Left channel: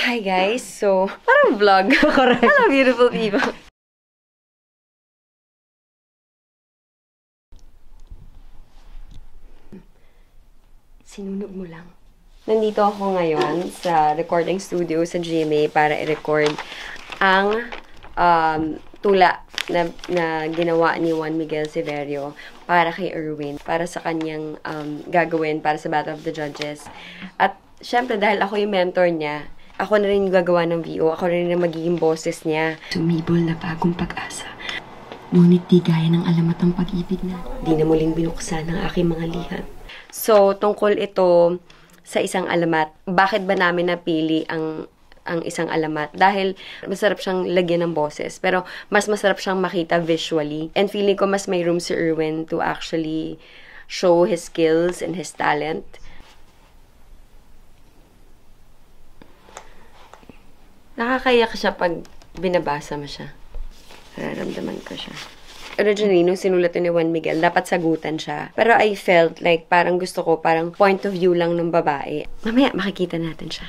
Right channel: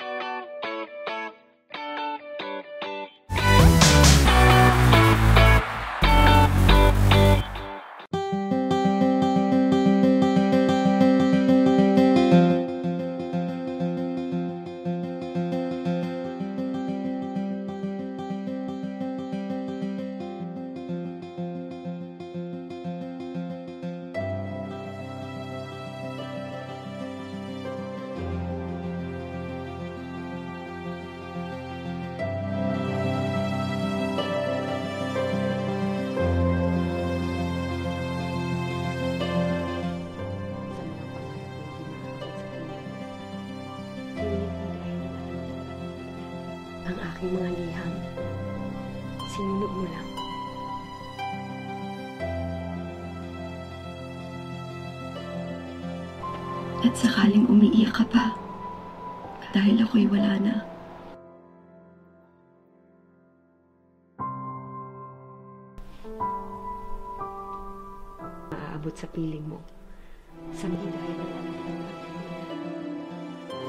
Hi guys! So, parang vlog. Correct. Hello beautiful people! Nandito ako ngayon sa recording studio sa GMA para i-record ang tula na ginawa ni Juan Miguel Severio para kay Erwin, para sa kanyang gagawin para sa Battle of the Judges. At syempre dahil ako yung mentor niya, ako na rin yung gagawa ng VO, ako na rin yung magiging boses niya. Sumibol na bagong pag-asa, ngunit di gaya ng alamat ng pag-ibig na di na muling binuksan ang aking mga lihat. So, tungkol ito sa isang alamat. Bakit ba namin napili ang isang alamat? Dahil masarap siyang lagyan ng boses, pero mas masarap siyang makita visually. And feeling ko mas may room si Erwin to actually show his skills and his talent. At sakaling umiiyak ka pa, dahil ako'y wala na. Nakakaiyak siya pag binabasa mo siya. Nararamdaman ko siya. Originally, nung sinulat ni Juan Miguel, dapat sagutan siya. Pero I felt like parang gusto ko, parang point of view lang ng babae. Mamaya, makikita natin siya.